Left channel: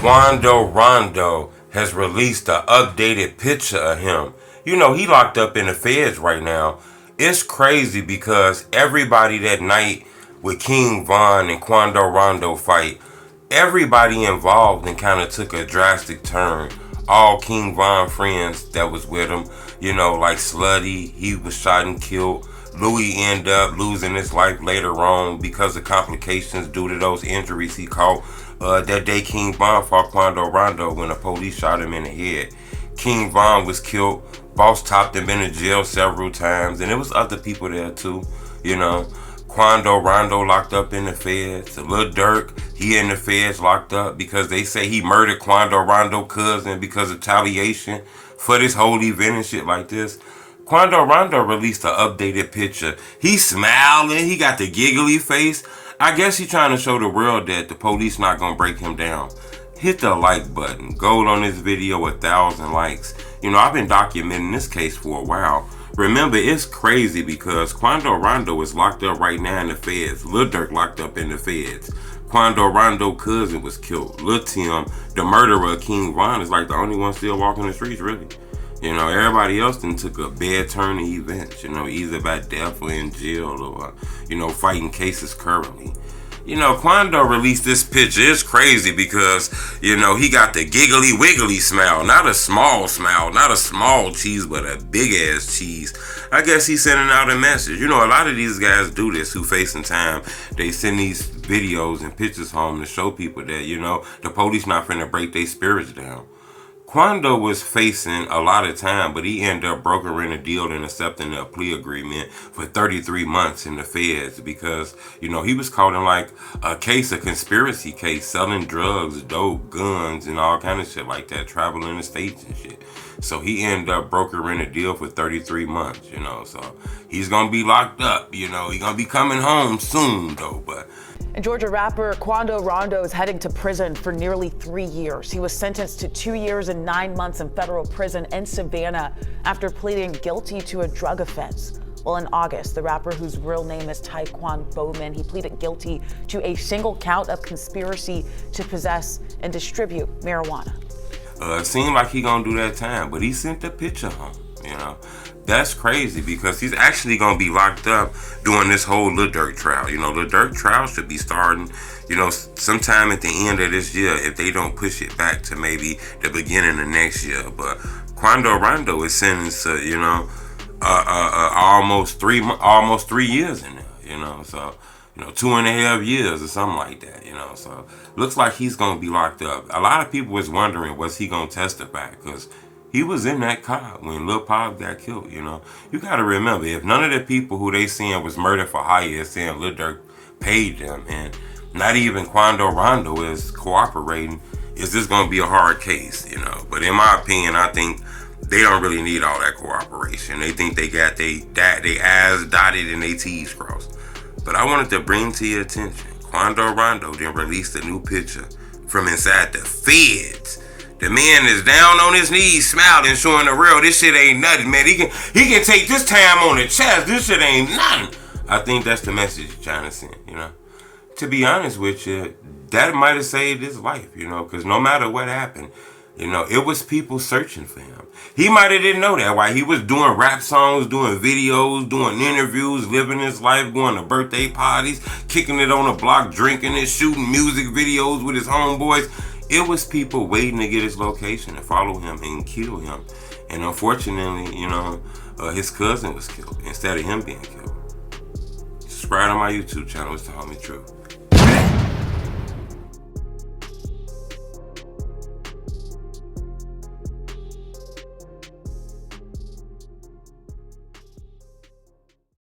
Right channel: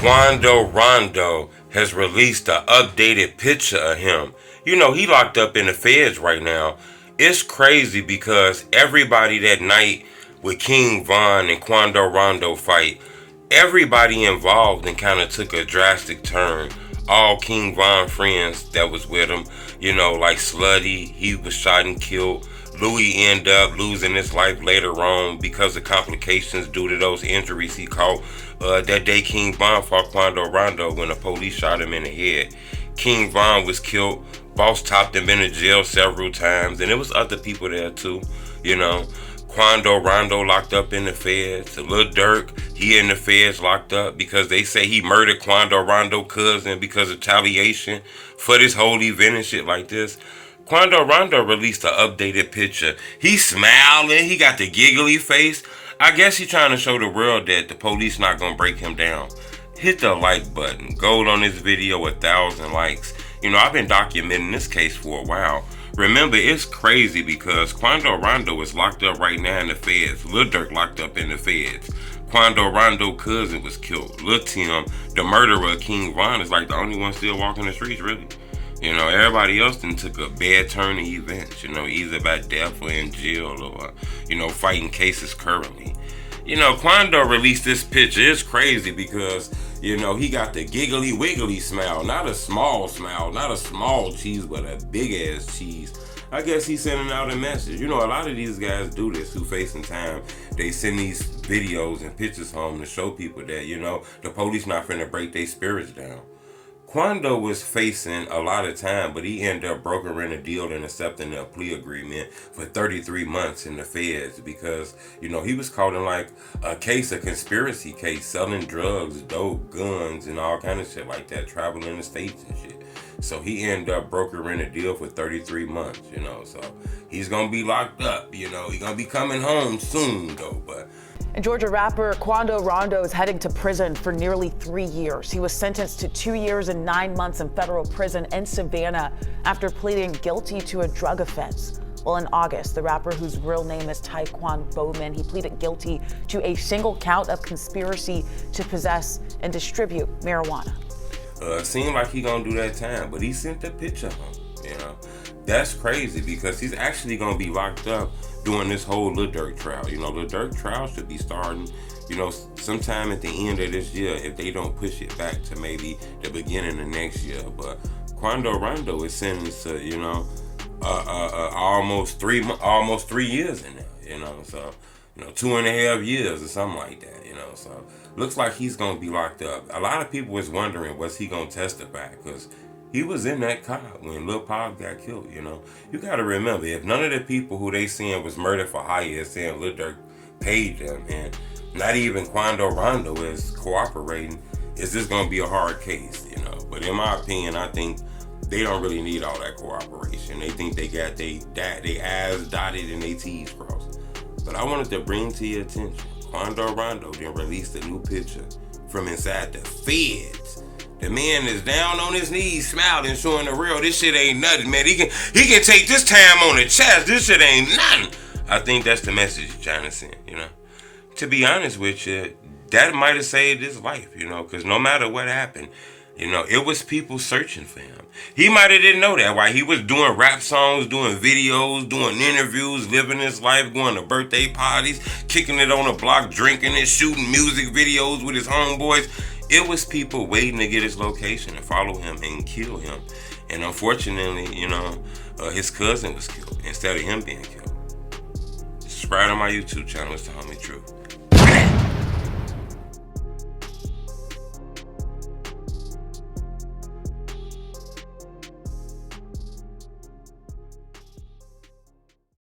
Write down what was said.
Quando Rondo has released an updated picture of him. You know, he locked up in the feds right now. It's crazy because everybody that night with King Von and Quando Rondo fight, everybody involved and kind of took a drastic turn. All King Von friends that was with him, you know, like Slutty, he was shot and killed. Louis ended up losing his life later on because of complications due to those injuries he caught. That day, King Von fought Quando Rondo when the police shot him in the head. King Von was killed. Boss topped him into jail several times, and there was other people there too. You know, Quando Rondo locked up in the feds. Lil Durk, he in the feds locked up because they say he murdered Quando Rondo cousin because of retaliation for this whole event and shit like this. Quando Rondo released an updated picture. He's smiling. He got the giggly face. I guess he's trying to show the world that the police not gonna break him down. Hit the like button. Gold on this video, 1,000 likes. You know, I've been documenting this case for a while. Remember, it's crazy because Quando Rondo is locked up right now in the feds. Lil Durk locked up in the feds. Quando Rondo cousin was killed. Lil Tim, the murderer of King Von, is like the only one still walking the streets, really. You know, everybody else then took a bad turn in events, you know, either by death or in jail or, you know, fighting cases currently. You know, Quando released this picture. It's crazy because, you know, he got the giggly wiggly smile. Not a small smile, not a small cheese, but a big ass cheese. I guess he's sending out a message. You know, a lot of these guys do this who facing time. They send these videos and pictures home to show people that, you know, the police not finna break their spirits down. Quando was facing a lot of time, but he ended up brokering a deal and accepting a plea agreement for 33 months in the feds because, you know, he was caught in like a case, a conspiracy case, selling drugs, dope, guns, and all kind of shit like that, traveling the states and shit. So he ended up brokering a deal for 33 months, you know, so he's gonna be locked up, you know, he's gonna be coming home soon though, but And Georgia rapper Quando Rondo is heading to prison for nearly 3 years. He was sentenced to 2 years and 9 months in federal prison in Savannah after pleading guilty to a drug offense. Well, in August, the rapper, whose real name is Taekwon Bowman, he pleaded guilty to a single count of conspiracy to possess and distribute marijuana. It seemed like he gonna do that time, but he sent the picture home, you know. That's crazy because he's actually gonna be locked up during this whole Lil Durk trial. You know, Lil Durk trial should be starting, you know, sometime at the end of this year if they don't push it back to maybe the beginning of next year. But Quando Rondo is sentenced to, you know, almost 3 years in there. You know, so 2.5 years or something like that. You know, so looks like he's gonna be locked up. A lot of people was wondering was he gonna testify because he was in that car when Lil Pop got killed, you know. You gotta remember, if none of the people who they saying was murdered for hire saying Lil Durk paid them, and not even Quando Rondo is cooperating, is this gonna be a hard case, you know. But in my opinion, I think they don't really need all that cooperation. They think they got they I's dotted and they T's crossed. But I wanted to bring to your attention, Quando Rondo then released a new picture from inside the feds. The man is down on his knees, smiling, showing the real. This shit ain't nothing, man. He can take this time on the chest. This shit ain't nothing. I think that's the message he's trying to send, you know. To be honest with you, that might have saved his life, you know, because no matter what happened, you know, it was people searching for him. He might have didn't know that while he was doing rap songs, doing videos, doing interviews, living his life, going to birthday parties, kicking it on a block, drinking it, shooting music videos with his homeboys. It was people waiting to get his location and follow him and kill him. And unfortunately, you know, his cousin was killed instead of him being killed. Subscribe to my YouTube channel. It's the Homie Truth.